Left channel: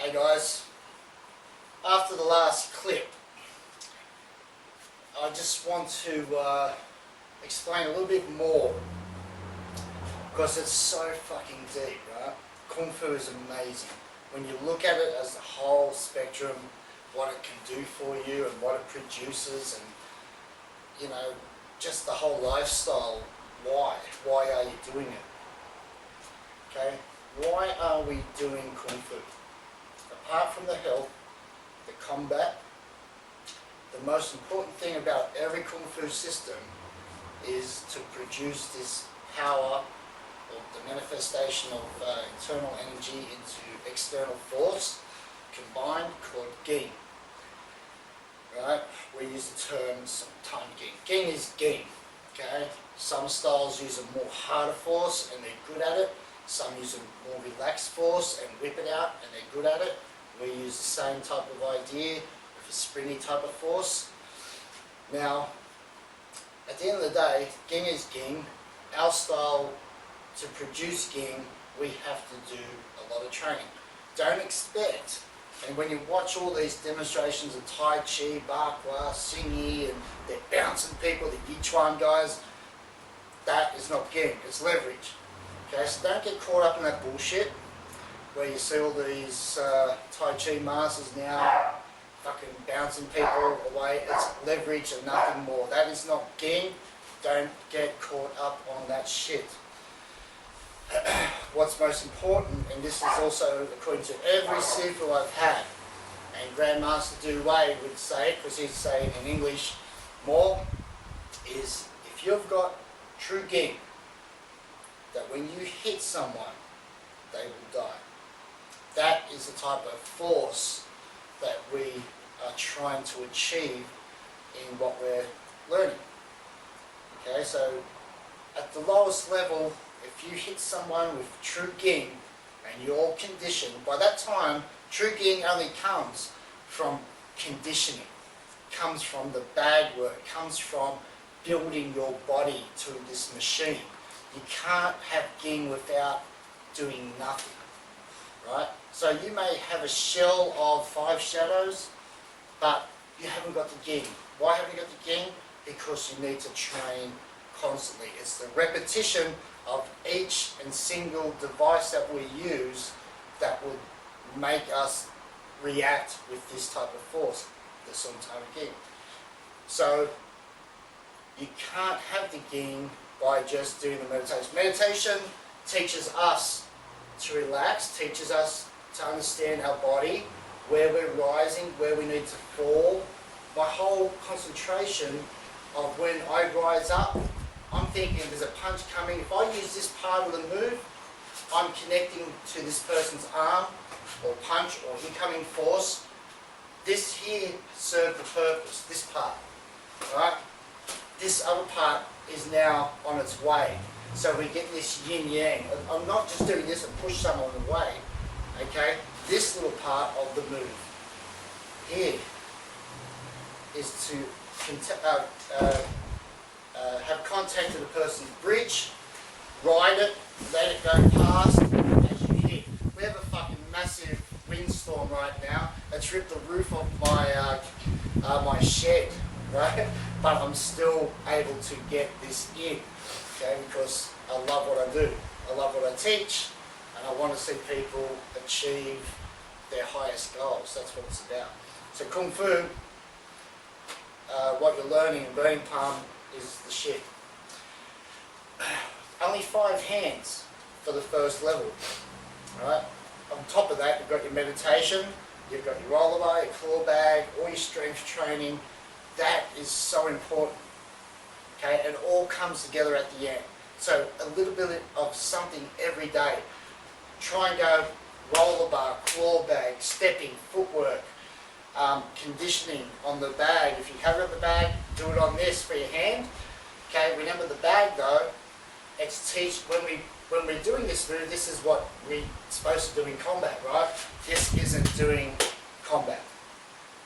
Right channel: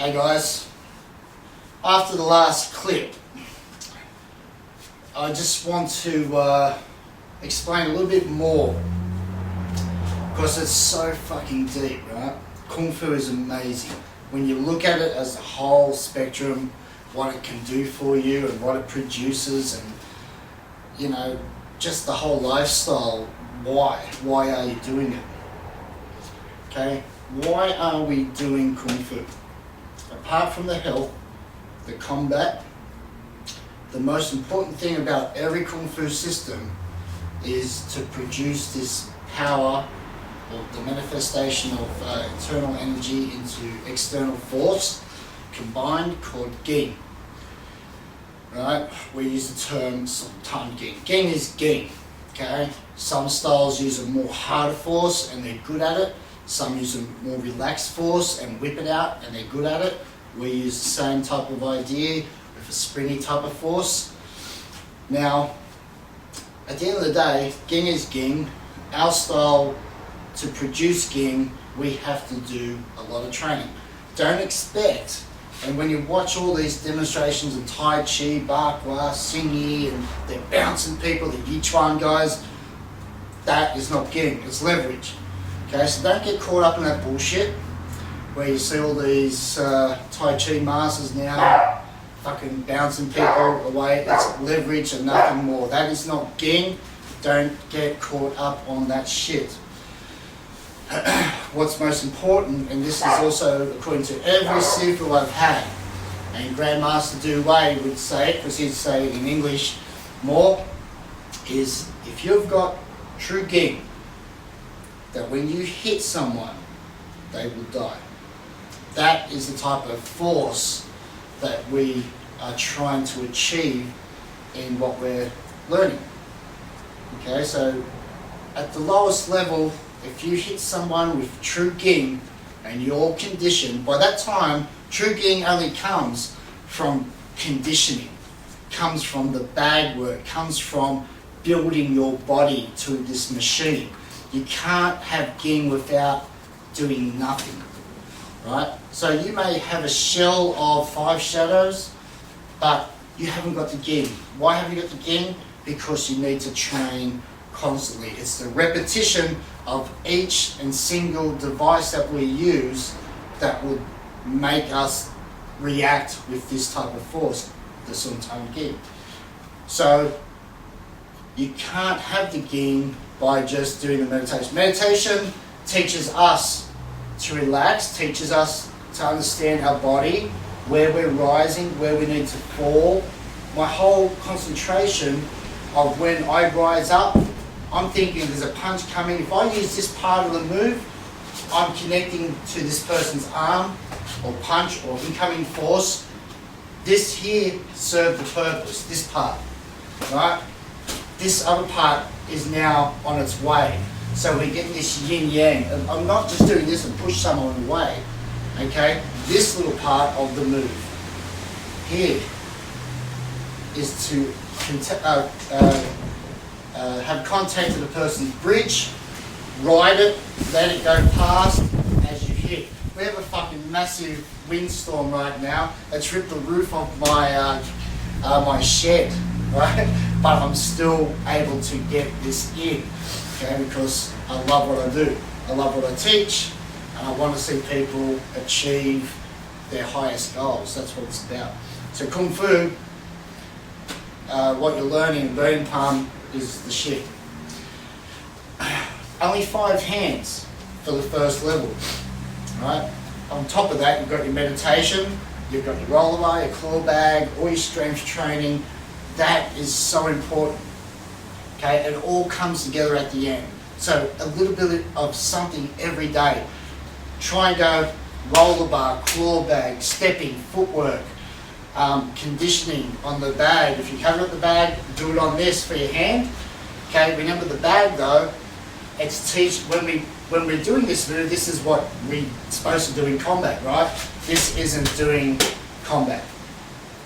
Hey guys, after the last clip, I just want to explain a little bit more because it's so fucking deep, right? Kung Fu is amazing. When you look at it as a whole spectrum, what it can do for you and what it produces and, you know, just the whole lifestyle, why are you doing it? Okay, why are we doing Kung Fu? Apart from the health, the combat, the most important thing about every Kung Fu system is to produce this power or the manifestation of internal energy into external force combined called Ging. Right? We use the term sometimes Ging. Ging is Ging. Okay? Some styles use a more harder force and they're good at it. Some use a more relaxed force and whip it out and they're good at it. We use the same type of idea with a springy type of force. Now, at the end of the day, Ging is Ging. Our style, to produce Ging, we have to do a lot of training. Don't expect, and when you watch all these demonstrations of Tai Chi, Bakwa, Xing Yi, and they're bouncing people, the Yichuan guys, that is not Ging, it's leverage. Okay, so don't get caught up in that bullshit where you see all these Tai Chi masters now fucking bouncing people away. It's leverage and nothing more. That is not Ging. Don't get caught up on that shit. What's most important, and this is also according to every Sifu I've had, and Grandmaster Du Wei would say it, because he'd say it in English more, is if you've got true Ging, that when you hit someone, they will die. That is the type of force that we are trying to achieve in what we're learning. Okay, so at the lowest level, if you hit someone with true Ging and you're conditioned, by that time, true Ging only comes from conditioning, comes from the bag work, comes from building your body to this machine. You can't have Ging without doing nothing. Right? So you may have a shell of 5 shadows, but you haven't got the Ging. Why haven't you got the Ging? Because you need to train constantly. It's the repetition of each and single device that we use that would make us react with this type of force, the Sun Tang Ging. So you can't have the Ging by just doing the meditation. Meditation teaches us to relax, teaches us to understand our body, where we're rising, where we need to fall. My whole concentration of when I rise up, I'm thinking there's a punch coming. If I use this part of the move, I'm connecting to this person's arm or punch or incoming force. This here served the purpose, this part, right? This other part is now on its way. So we're getting this yin-yang. And I'm not just doing this and push someone away, okay? This little part of the move here is to have contact to the person's bridge, ride it, let it go past as you hit. We have a fucking massive windstorm right now. It's ripped the roof off my my shed, right? But I'm still able to get this in, okay? Because I love what I do. I love what I teach, and I want to see people achieve their highest goals. That's what it's about. So Kung Fu, what you're learning in Burning Palm is the shit. Only 5 hands for the first level, right? On top of that, you've got your meditation, you've got your rollerbar, your claw bag, all your strength training. That is so important, okay? It all comes together at the end. So a little bit of something every day. Try and go rollerbar, claw bag, stepping, footwork, conditioning on the bag. If you haven't got the bag, do it on this for your hand. Okay, remember the bag though, it's when we're doing this move, this is what we're supposed to do in combat, right? This isn't doing combat.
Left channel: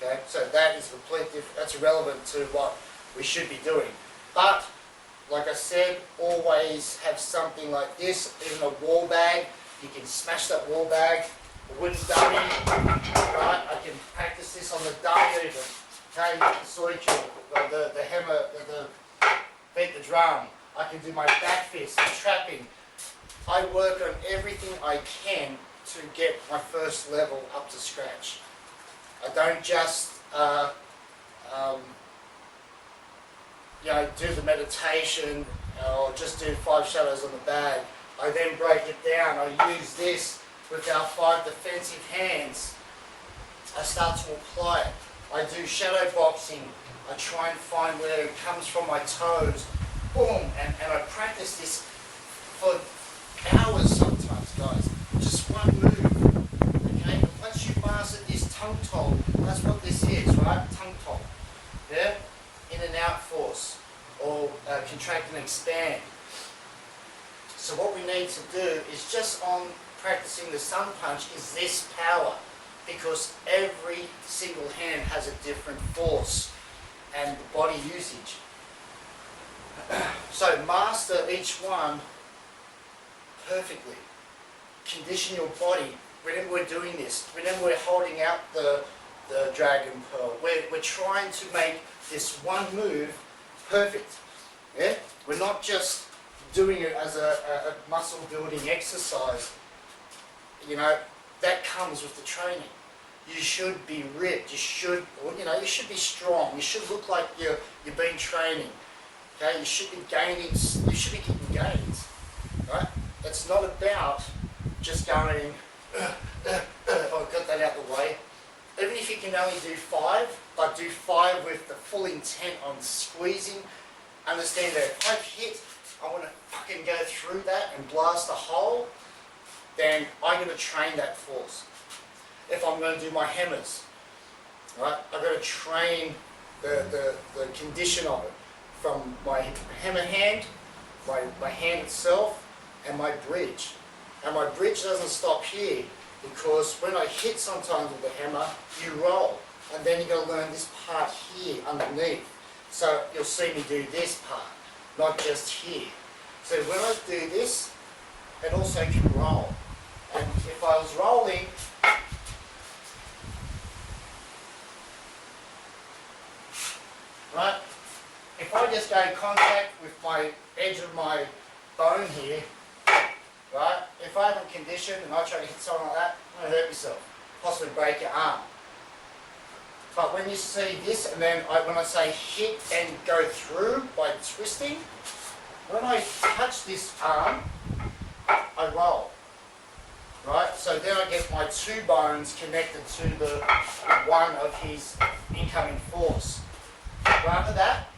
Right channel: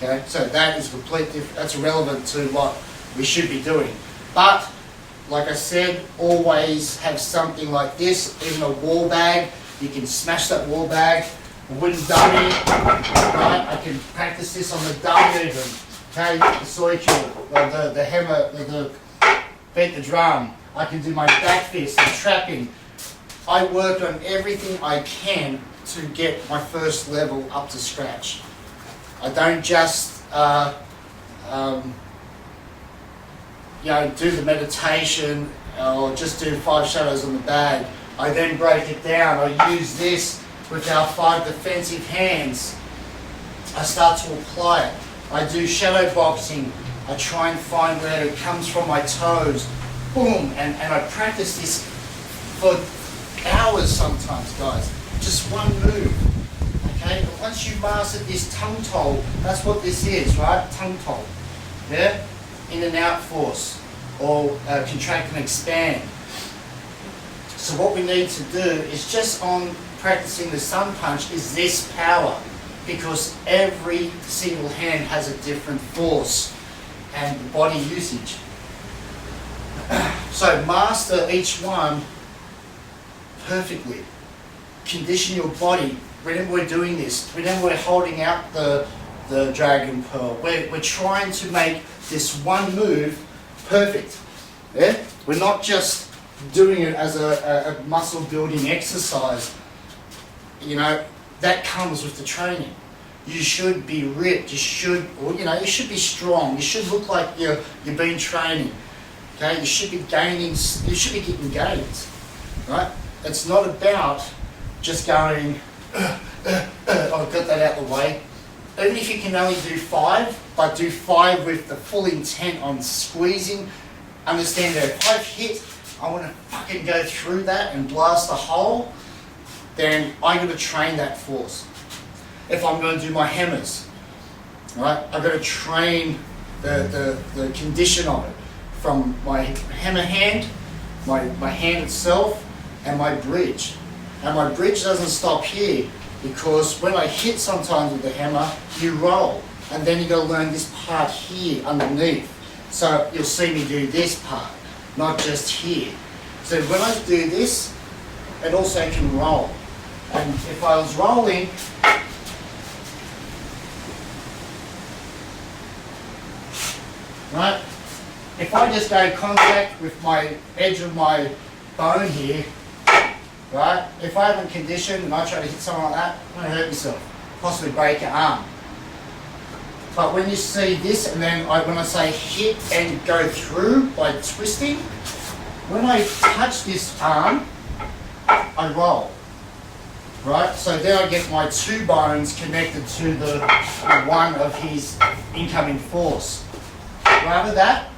Okay, so that is completely, that's irrelevant to what we should be doing. But like I said, always have something like this, even a wall bag. You can smash that wall bag a wooden dummy, right? I can practice this on the dummy even. Okay, the soy cue, the hammer, the beat the drum. I can do my back fist and trapping. I work on everything I can to get my first level up to scratch. I don't just do the meditation or just do 5 shadows on the bag. I then break it down. I use this with our 5 defensive hands. I start to apply it. I do shadow boxing. I try and find where it comes from my toes. Boom, and I practice this for hours sometimes, guys. Just one move, okay? But once you master this tongue toll, that's what this is, right? Tongue toll, yeah? In and out force, or contract and expand. So what we need to do is just on practicing the sun punch is this power, because every single hand has a different force and body usage. So master each one perfectly. Condition your body. Whenever we're doing this, whenever we're holding out the Dragon Pearl, we're trying to make this one move perfect. Yeah? We're not just doing it as a muscle building exercise. You know, that comes with the training. You should be ripped, you should be strong, you should look like you've been training. Okay, you should be gaining, you should be getting gains, right? It's not about just going, I've got that out of the way. Even if you can only do 5, but do 5 with the full intent on squeezing, understand that if I've hit, I want to fucking go through that and blast a hole, then I'm going to train that force. If I'm going to do my hammers, right, I've got to train the condition of it. From my hammer hand, my hand itself, and my bridge. And my bridge doesn't stop here, because when I hit sometimes with the hammer, you roll. And then you've got to learn this part here underneath. So you'll see me do this part, not just here. So when I do this, it also can roll. And if I was rolling, right? If I just go contact with my edge of my bone here, right? If I haven't conditioned and I try to hit someone like that, I'm going to hurt myself, possibly break your arm. But when you see this, and then when I say hit and go through by twisting, when I touch this arm, I roll, right? So then I get my 2 bones connected to the one of his incoming force. Rather that,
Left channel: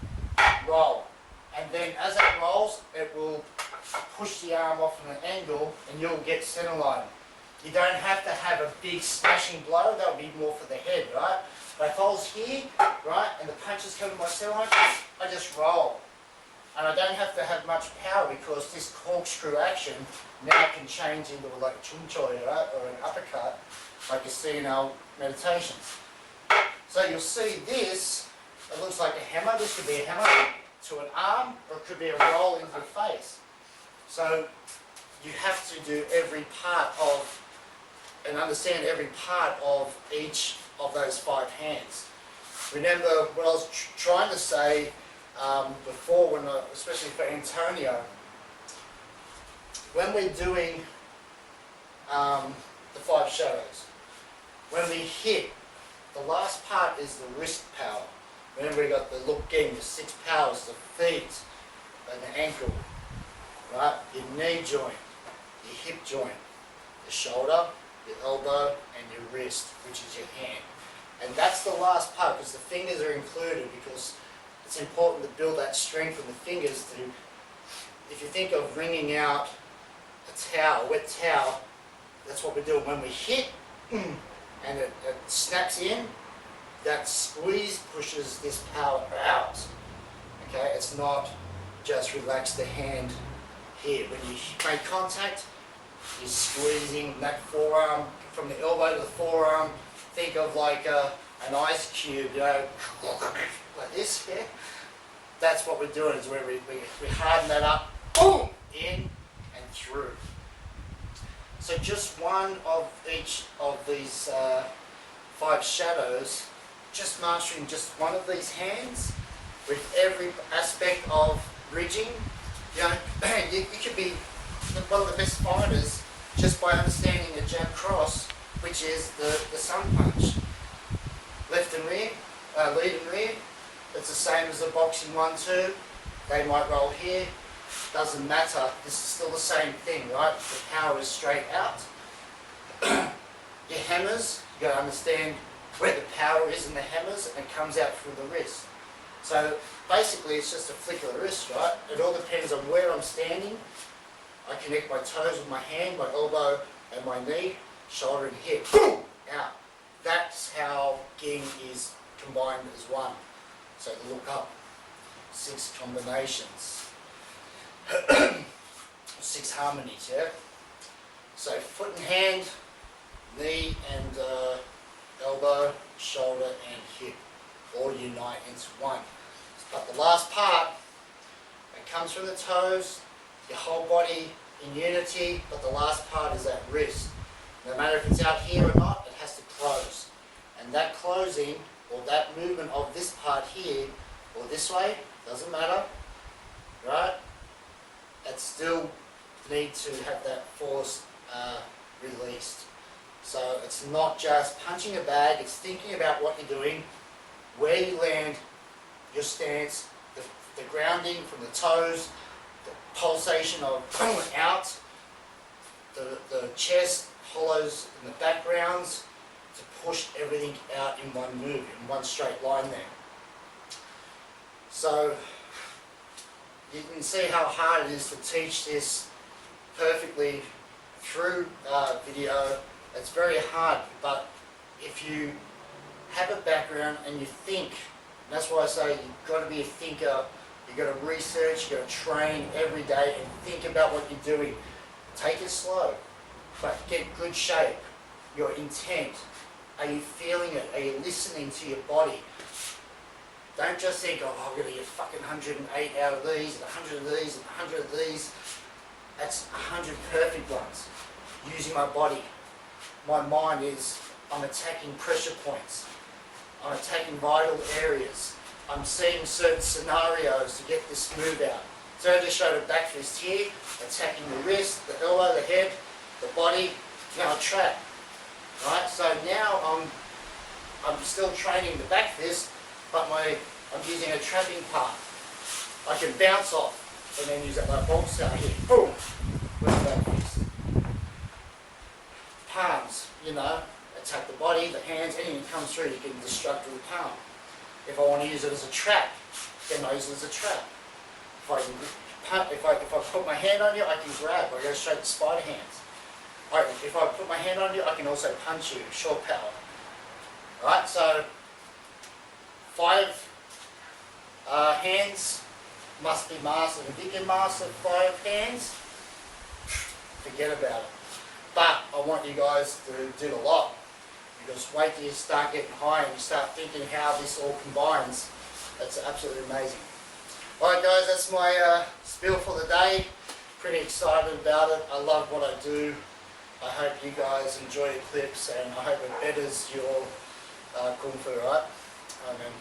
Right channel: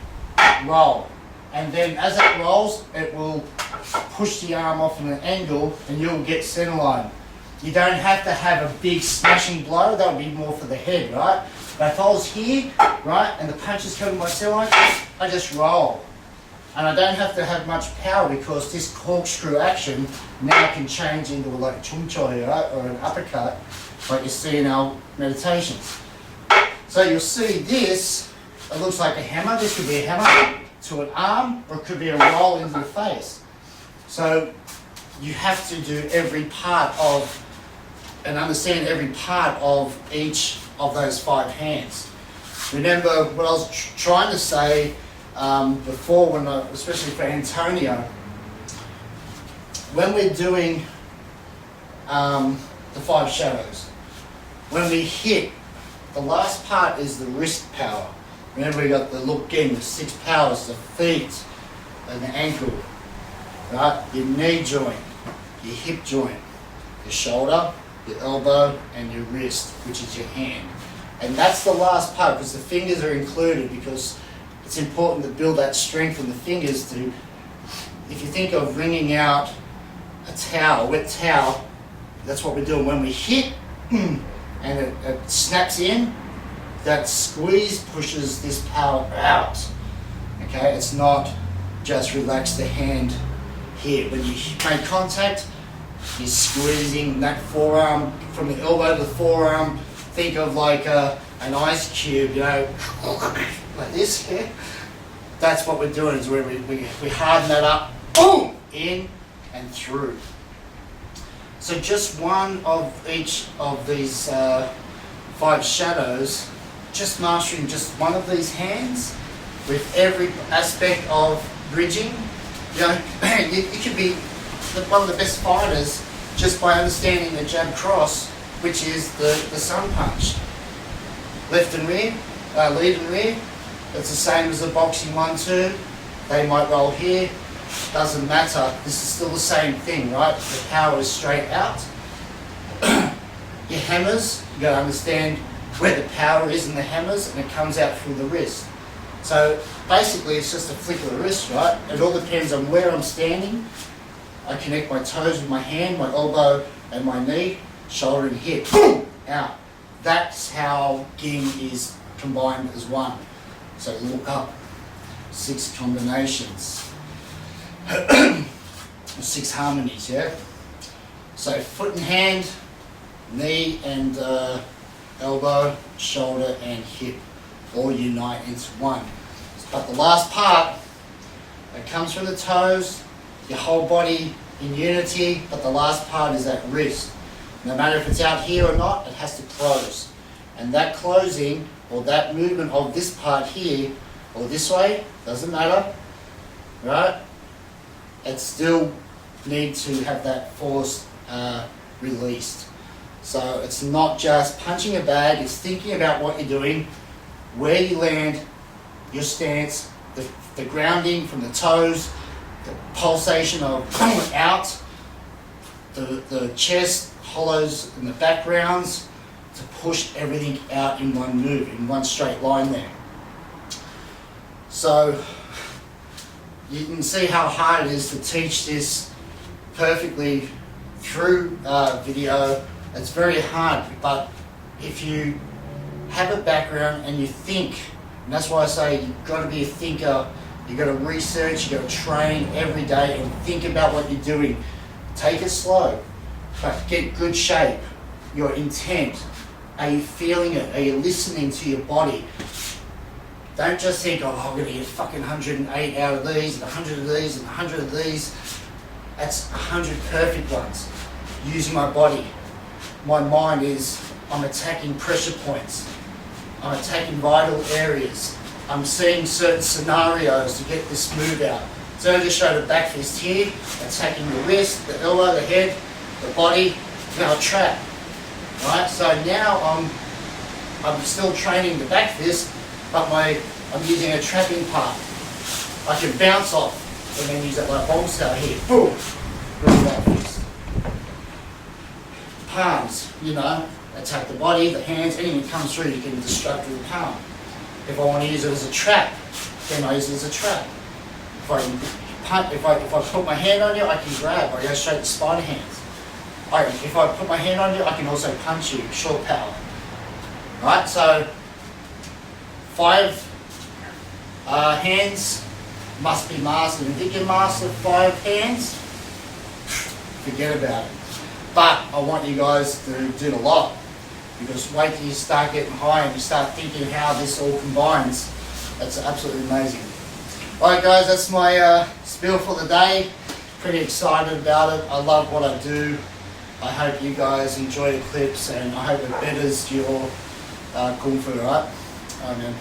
roll, and then as it rolls, it will push the arm off at an angle and you'll get center line. You don't have to have a big smashing blow, that would be more for the head, right? But if I was here, right, and the punches come to my center line, I just roll. And I don't have to have much power, because this corkscrew action now can change into like a chung choi, right, or an uppercut, like you see in our meditations. So you'll see this. It looks like a hammer. This could be a hammer to an arm, or it could be a roll into the face. So you have to do every part of, and understand every part of each of those 5 hands. Remember what I was trying to say before, especially for Antonio, when we're doing the 5 shadows, when we hit, the last part is the wrist power. Remember, we got the look in with 6 powers: the feet and the ankle, right? Your knee joint, your hip joint, your shoulder, your elbow, and your wrist, which is your hand. And that's the last part, because the fingers are included, because it's important to build that strength in the fingers to, if you think of wringing out a towel, a wet towel, that's what we're doing. When we hit, and it snaps in, that squeeze pushes this power out. Okay, it's not just relax the hand here. When you make contact, you're squeezing that forearm from the elbow to the forearm. Think of like an ice cube, you know, like this here. That's what we're doing, is where we harden that up, boom, in and through. So just one of each of these 5 shadows, just mastering just one of these hands with every aspect of bridging. You know, you could be one of the best fighters just by understanding the jab cross, which is the sun punch. Left and rear, lead and rear. It's the same as the boxing 1-2. They might roll here. Doesn't matter. This is still the same thing, right? The power is straight out. Your hammers, you got to understand where the power is in the hammers, and it comes out through the wrist. So basically, it's just a flick of the wrist, right? It all depends on where I'm standing. I connect my toes with my hand, my elbow, and my knee, shoulder and hip. Boom! Out. That's how Ging is combined as one. So look up. 6 combinations. 6 harmonies, yeah? So foot and hand, knee and elbow, shoulder and hip all unite into one. But the last part, it comes from the toes, your whole body in unity, but the last part is that wrist. No matter if it's out here or not, it has to close. And that closing, or that movement of this part here, or this way, doesn't matter, right? It still needs to have that force released. So it's not just punching a bag, it's thinking about what you're doing, where you land, your stance, the grounding from the toes, the pulsation of out, the chest hollows in the backgrounds to push everything out in one move, in one straight line there. So you can see how hard it is to teach this perfectly through video. It's very hard, but if you have a background and you think, and that's why I say you've got to be a thinker, you've got to research, you've got to train every day and think about what you're doing. Take it slow, but get good shape, your intent. Are you feeling it? Are you listening to your body? Don't just think, oh, I'm going to get fucking 108 out of these, and 100 of these, and 100 of these. That's 100 perfect ones. Using my body. My mind is, I'm attacking pressure points. I'm attacking vital areas. I'm seeing certain scenarios to get this move out. So I just showed a back fist here, attacking the wrist, the elbow, the head, the body, now a trap. Right? So now I'm still training the back fist, but I'm using a trapping part. I can bounce off and then use it like bomb style here. Boom! With the back fist. Palms, you know, attack the body, the hands, anything that comes through you can destruct with the palm. If I want to use it as a trap, then I use it as a trap. If I put my hand on you, I can grab. I go straight to spider hands. If I put my hand on you, I can also punch you, short power. Right, so 5 hands must be mastered. If you can master 5 hands, forget about it. But I want you guys to do a lot, because wait till you start getting high and you start thinking how this all combines. That's absolutely amazing. Alright guys, that's my spiel for the day. Pretty excited about it. I love what I do. I hope you guys enjoy the clips, and I hope it betters your Kung Fu, right? Alright man.